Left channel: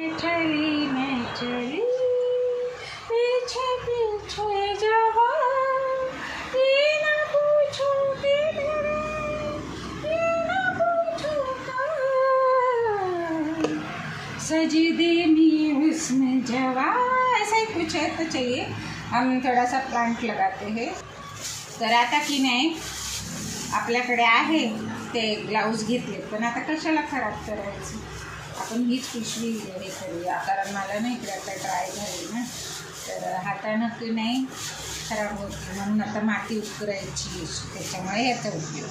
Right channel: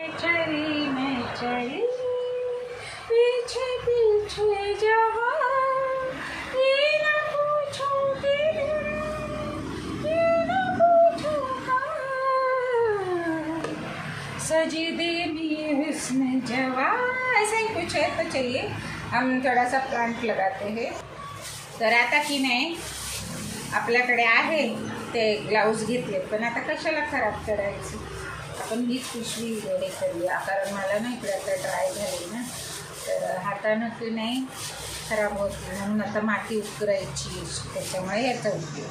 चली मैं चली पीछे पीछे जहाँ ये ना पूछो किधर ये ना पूछो कहाँ सजदे में हुस्न जवां ऐसा ही कुछ है। तो चलिए हम थोड़ा सा प्लांट लगाते हैं। तर आता की नाही आपल्याकडे आहे ते ग्लाउज घेतले पण आता कशाला खराब करायचं आपण हीच पिशवी हे करूया कारण मला ना इकडे आता ड्राय झाली ना तर हातानं की नाही खराब होत म्हणून आता माती उकरायची त्याच्यामुळे याचा उपयोग।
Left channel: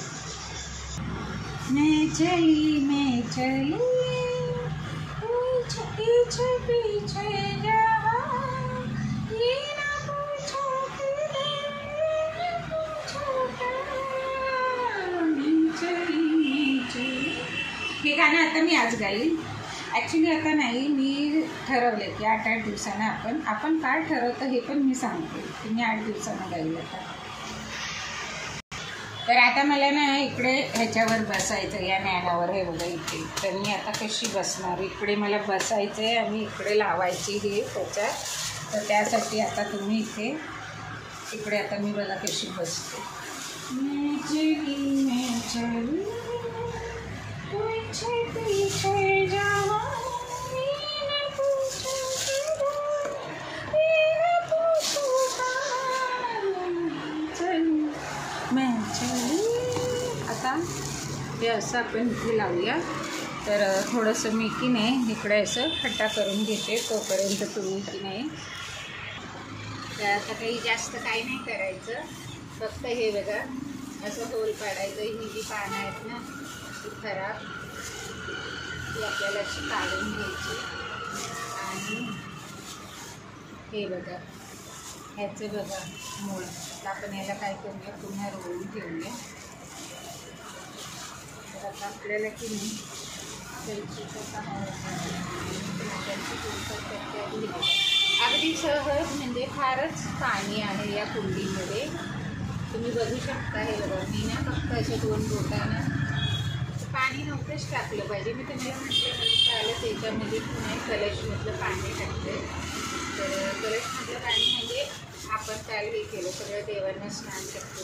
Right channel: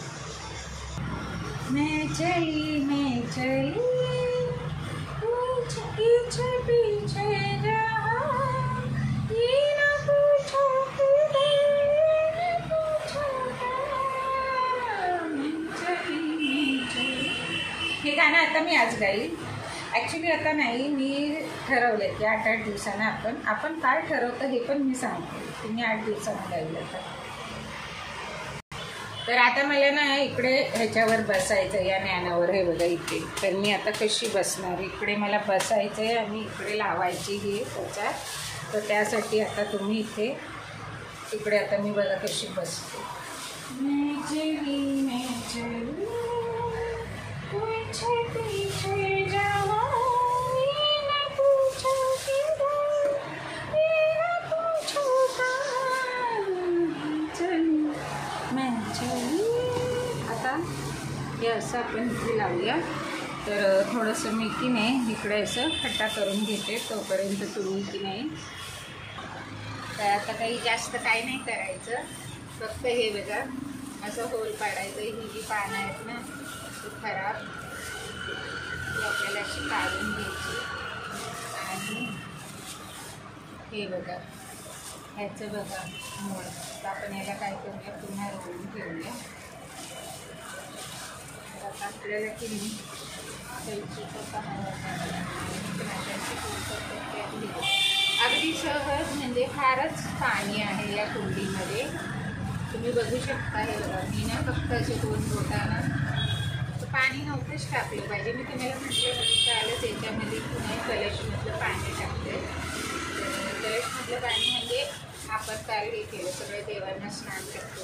मैं चली पीछे पीछे जहाँ ये ना पूछो हे गाणं आता मी आज गाईल। ॲक्च्युली आता नाही मी ठरवले की 8-8 दिवसानं आपण काय ठरवतं हे पण मी सांगते तुम्ही 8 दिवसानं गाईल आता। तर आता मला ना इकडे ह्याच्यावर बसायचं या ज्ञानावर हे बघा इथे तर मी आता कशी बसणार इकडे मला बसायचं आहे आणि इकडे लावायची हे त्याच्यात तर त्यासाठी आता तुम्ही इकडे आता मी बघा कशी बसते। मैं चली पीछे पीछे जहाँ ये ना पूछो किधर ये ना पूछो कहाँ चली मैं चली। आता हे असं आपण इथे लावूया तर थोडंसं मी की नाही इकडे असं खड्डा करून घेते तोपर्यंत तुम्ही की नाही तर आता काही जास्त काही नाही करायचं फक्त हे बघा असं होल पाडायचं ही जी पानं आहेत ना ती खराब ती आपल्याला अशी काढून घ्यायची आणि हे बघा ह्याचं बघा मूळ आपण याला काय करूया पुन्हा रोवून ठेवूया। तर आता आपल्याला की नाही अगदी सहज म्हणजे फारच पाणी आहे या कुंडीमध्ये तुम्ही बघू शकता। हे बघा मी ना फक्त असे 2 बोटानं पाणी नव्हतंच टाकलं पाहिजे मी तुम्हाला म्हटलं कालच याच्यामध्ये नाही कलशमधलं पाणी टाकते तर कलशमधलं पाणी म्हणजे आपण काल हे केलं सगळं देवांना स्नान करतो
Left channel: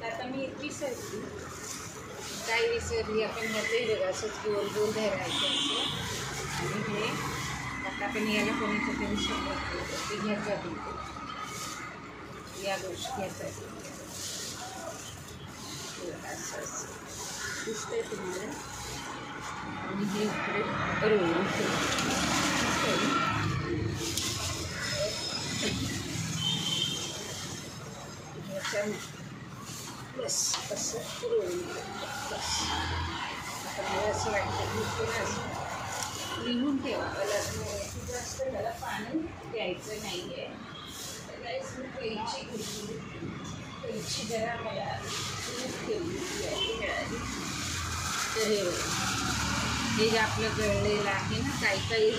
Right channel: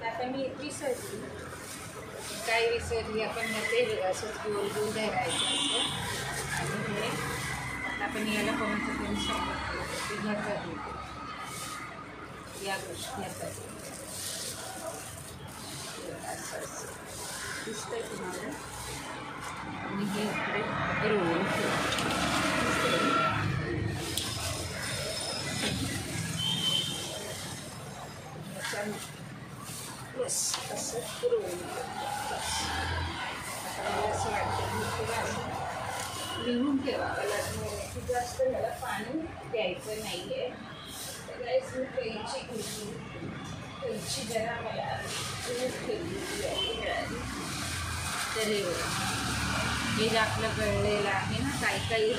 तर आता मी एक विसरली काय विसरली आपण मध्ये बघा असंच गोल गोल धरायचं असं आणि हे आता आपण याला कोणाचं तरी सांगितलं ह्याचा या गोष्टी याचा असं दिसतंय तुम्हाला आणि हे इकडे रोवून बस असं रोवून बस आता मला असं वाटतं लिहून ठेवावं लागणार की जास्त मला पाणी द्यायचं नाही आहे तर कैची जरा मला ठेवली मिळाली तर हे जे आपलं गळलेलं आहे ना काही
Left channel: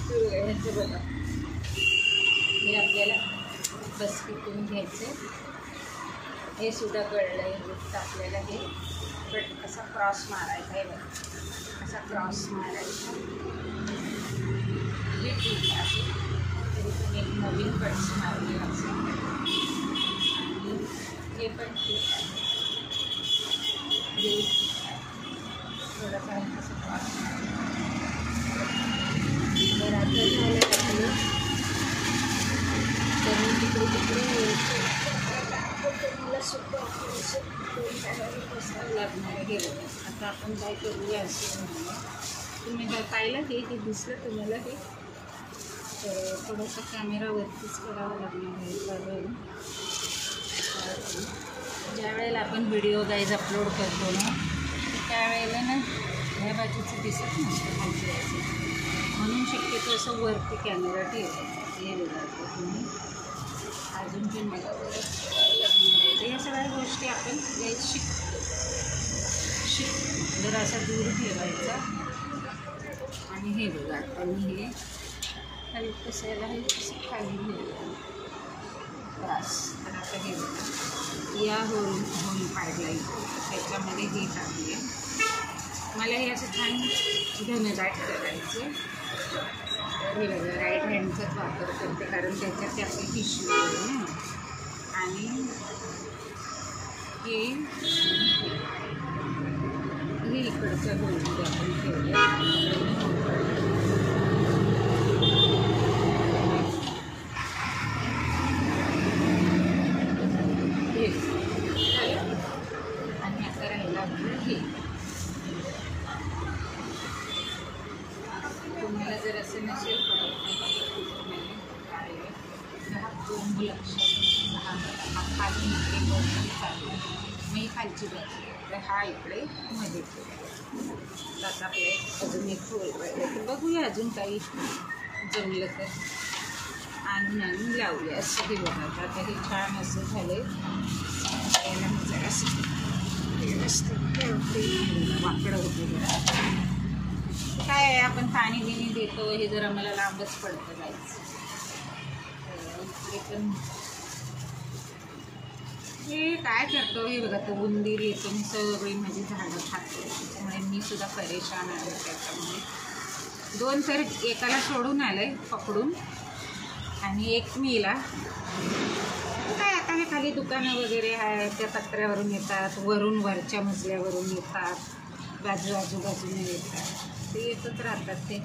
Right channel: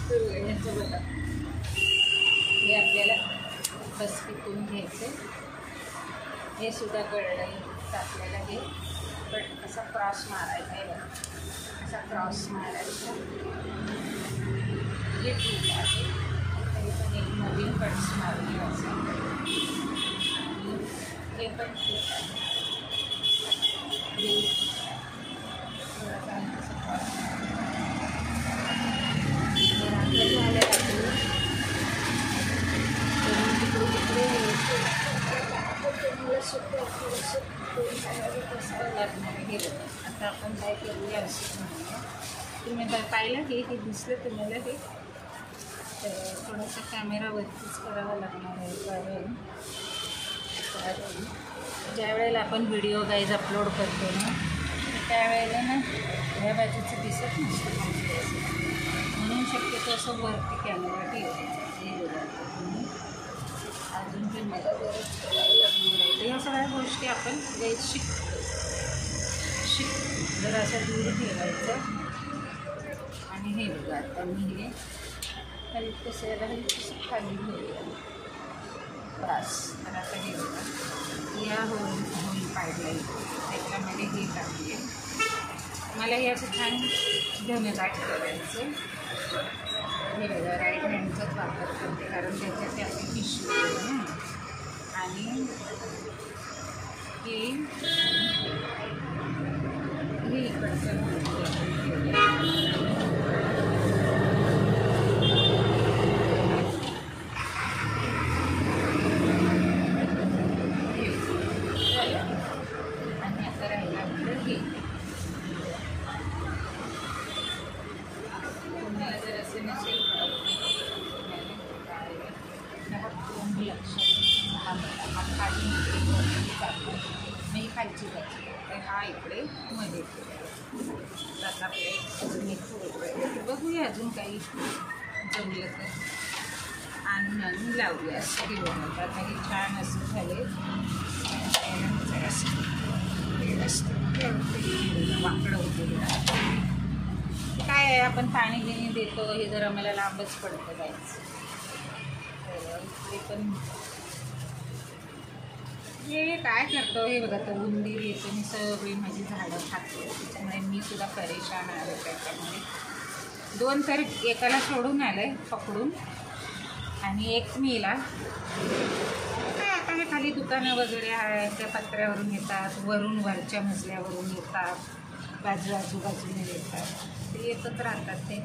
ह्याचं बघा हे आपल्याला बस पिटून घ्यायचं हे सुद्धा गळलं आहे आपल्याला हे पण असा क्रॉस मारायचा आहे बघा असा क्रॉस मारायचा हे ठीक आहे तरी पण एक नवीन कट्स मारले असं आणि हे पण ठीक आहे थोडासा तर आपलं झालं तर तिकडे मला सुद्धा लागणार हे आता आपण काय करूया असं म्हणूया तुम्ही जर पाहिलं हे दिसलं तुम्हाला हे तर थोडंसं कॅमेरावरतीच करावं लागणार आहे कारण ज्या वेळेला आपण व्हिडिओ गाईज अपलोड करतो ना त्यावेळेला ना ह्या बाजूचं दिसत नसतं म्हणून शक्यतो असं वरती कॅमेरा ठेवायचा हे बघा तुम्ही अजून पण मला बरंच लागणार आहे या सगळ्या गोष्टी आपण शिकतो जर असा दूर ठेवायचा आणि हे बघा आता मी हे खाली कसं याला कसं खाली घेऊया त्रास तर आता हे बघा या होल पाडला त्याच्यामध्ये हे टाकूया मला हे असं छान धनेदाट करायचं. हे बघा राईट हँडचाच वापर करते कारण त्याच्यात आपली पिशवी आहे ना. आणि हे इकडचं आपण ठेवलं. मी खालची भाजी तर हा इकडे मध्ये आता आपले अजून एक तर बघूया अजून काही जमलं तर आणि लावूया असं हे बनवतं. आता हे छान असं झाले वाकडं वगैरे काय आहे आपण पाणी बिणी देतो हे जर आम्हाला लांबच पडतं जायचं. तर पण हे काय करतो हे बघा तर उंदीर येतो मी सगळी माझी झाडं खातो त्याच्यामुळे मी सुद्धा परेशान आहे. त्याच्यामुळे 2 तर एकाला सोडून आलं आहे पकडून आणि एक मीला काय आता हे खाली दुकानं वगैरे आहे त्या पत्र्यावरून येतात वरून वरच्या मजल्यावरून येतात आजूबाजूने येतात ते येतच राहतात. ते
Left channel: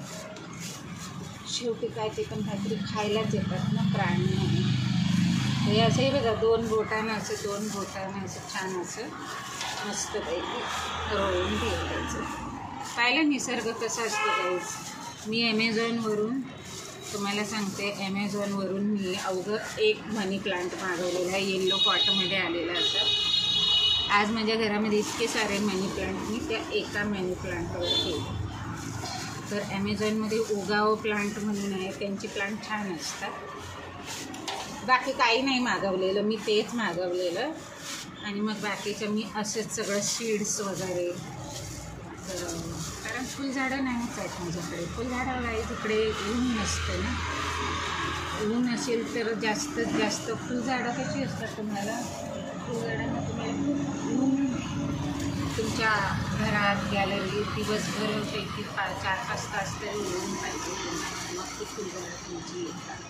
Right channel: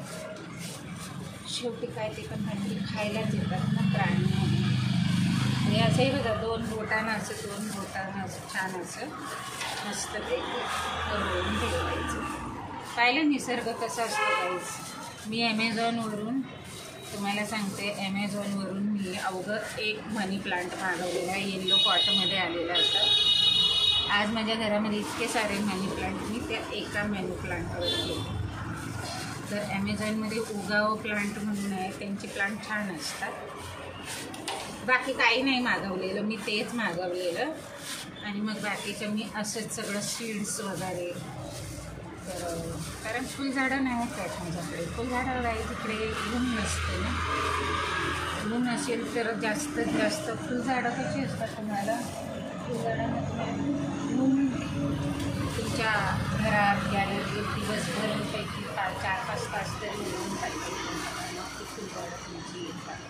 शेवटी काय ते पण काहीतरी खायलाच येतात ना प्राणी. हे असंही बघा 2 बोटानं असं छान असं मस्तपैकी तळून ठेवायचं. पाहिलं निसर्ग कसा असतो गाईस. मी ॲमेझॉनवरून तुम्हाला सांगते ॲमेझॉनवरून मी अवघं एक मनी प्लांट मागवलेला येल्लो पॉटमध्ये आलेला होता. आज माझ्या घरामध्ये इतके सारे मनी प्लांट मी त्या एका मनी प्लांटवर ठेवले. तर ॲमेझॉनमध्ये उगाव प्लांट म्हणून आहे त्यांचे प्लांट छान असतात. बाकी काही नाही मागवलेलं मी तेच मागवलेलं आणि मग बाकीचं मी असंच सगळं सीड्स वगैरे कारण फुलझाडं नाहीच आहेत माझ्याकडे. फुलझाडं आहे तिकडे ऊन नसते ना. ऊन असेल तर जास्तीत जास्त फुलझाडं कशी असतात तुम्हाला फुलझाडांना तुम्हाला ऊन तुमच्या घरात गॅलरी दिवसभर पैकी 4-5 तास तरी ऊन पाहिजे मग ती फुलझाडं तुमची येतात.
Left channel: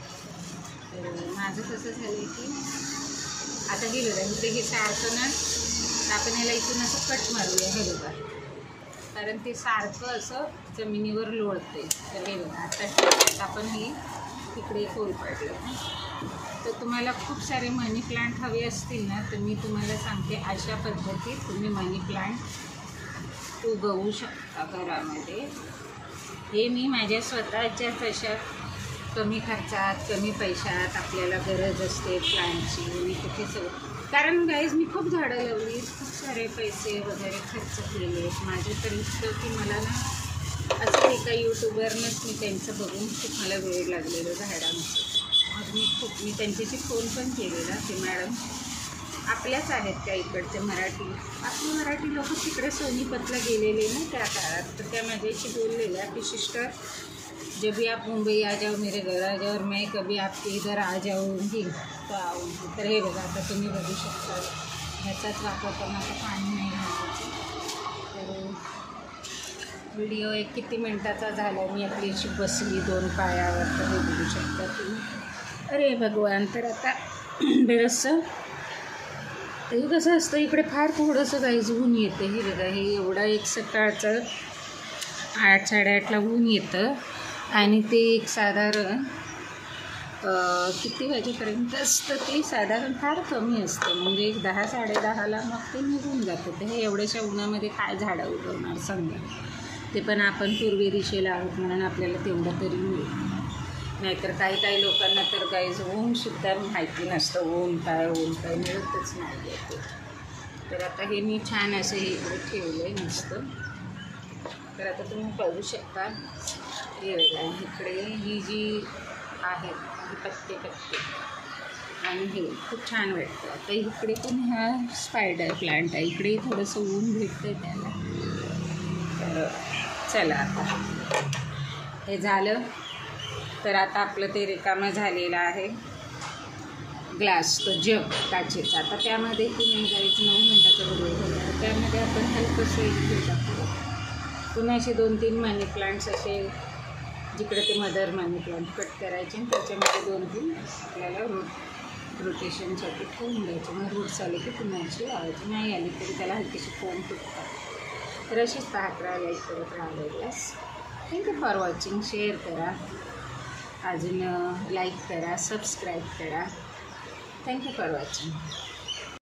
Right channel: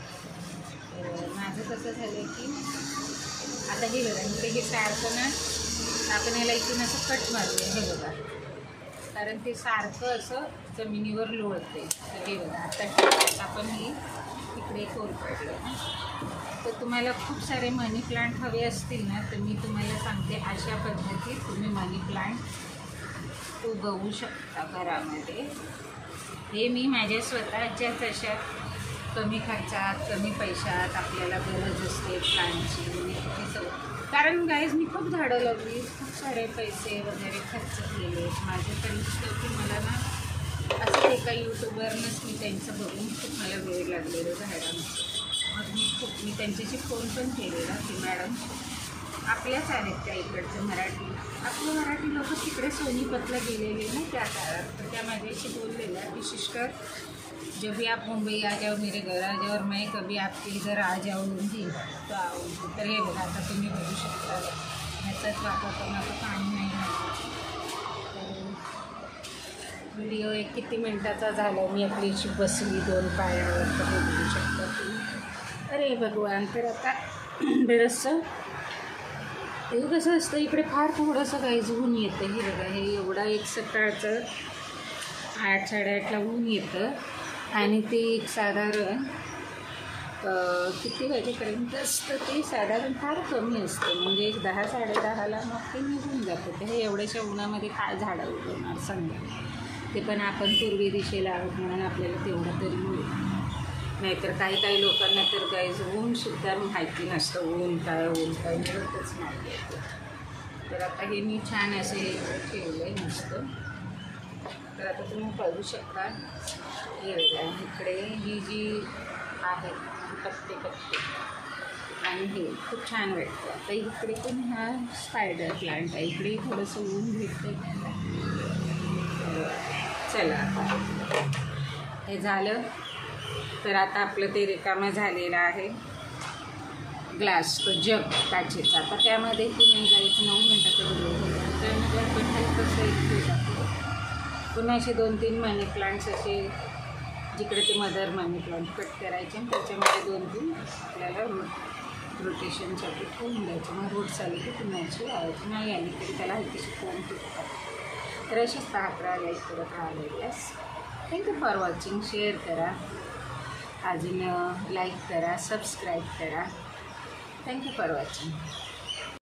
तर माझं कसं झालं की आता हे बघा इकडे हे सारखं ना आपण याला इथून असं कट मारूया हे बघा कारण ते सारखं असं जमिनीवर लोळते. तर हे बघा आता आपण ही तिकडे खोल पडलं. तर तुम्हाला खूप सारे मनी प्लांट हवे असतील ना तर मी तुम्हाला सांगते अशा पद्धतीत तुम्ही मनी प्लांट उगवू शकता घरामध्ये. हे मी माझ्या स्वतःच्याच अशा कमी खर्चात कमी पैशात आपल्याला गरज असते प्लांटची मी किती सगळं कारण गाईज मी खूप झाडं लावली खूप सारे पैसे वगैरे खर्च केले. माझं तर इतकं की मला ना असं एका यूट्यूबरनंच मी त्यांचं बघून खूप मला वेळ लागलेलं झाडांचं. मग मी त्यांच्याशी फोन पण केलेला की मॅडम आपल्याच आहेत त्या इकडच्या आपले मराठी लोक तिकडे सोनीपतला गेलेले ना त्या काळात. तर त्या माझ्याशी बोललेल्या की सिस्टर जब भी आप मुंबई आ जाओ मेरे घर आ जाओ और मैं कभी आपके इधर आ जाऊँगी तो आऊँगी. तर हे बघा आता तुम्ही बघू शकता ह्याचाच वापर करण्याचं पाणी नाही घालायचं. व्हिडिओ एक किती मिनटाचा झाला मी आपली अशी बसली 2 पायावर तर बघू शकता तुम्ही. अरे भगवान. तर आता बरंचसं हे कसं असतं इकडे फार थोडंसं काहीच ऊन येतं. हे बघा हे एवढा एक सकाळचं 8-8:30ला ऊन येतं आणि ते एक साधारण किती वाजेपर्यंत असतं ते साधारण फार कमी असतं म्हणजे एक 10-10:30ला मग ते निघून जातं. तर हे एवढ्याशा उन्हामध्ये काय झाडं उगवणार सांगा. ते पण आपण पूर्वी दिशेला आहोत म्हणून आपल्याला तेवढं तरी मिळेल. नाहीतर काही लोकांना तर गाईज ऊनसुद्धा माहिती नसतं ऊन काय मिळतच नाही आहे. तर आता हे मी छान असं हे ठेवलं आहे मस्त. तर आता तुम्ही बघू शकता हे बघा इकडे ही जी आहे पत्ते आणि हे खूप छान वाटतं. आता इकडे पण ह्या स्पायडर प्लांट आहे इकडे थोडंसं ऊन भेटतं त्याला. चला आता हे झालं तर आता आपलं ते रिकामं झालेलं आहे ग्लास तो जग काचेचा. आता त्यामध्ये की नाही जायचं 9 मिनटाचा व्हिडिओ होता त्यामध्ये आपण हलकंसं एक हे टाकतो पुन्हा असे 2-3 मनी प्लांट्स असे जिकडे ते मदर मनी प्लांट कट करायचे आणि त्याच्यामध्ये 2-3 आपल्याला रोटेशनसाठी ठेवून द्यायचे. मग रूट्स आले की पुन्हा अशी लावायची, नाही आली तरी त्याला हलकीशी कोंब फुटतात. तर अशीच पाहत राहा, लाईक करत राहा videos. Thank you for watching. Share करा, अजून लाईक करा, सबस्क्राईब करा. Thank you for watching.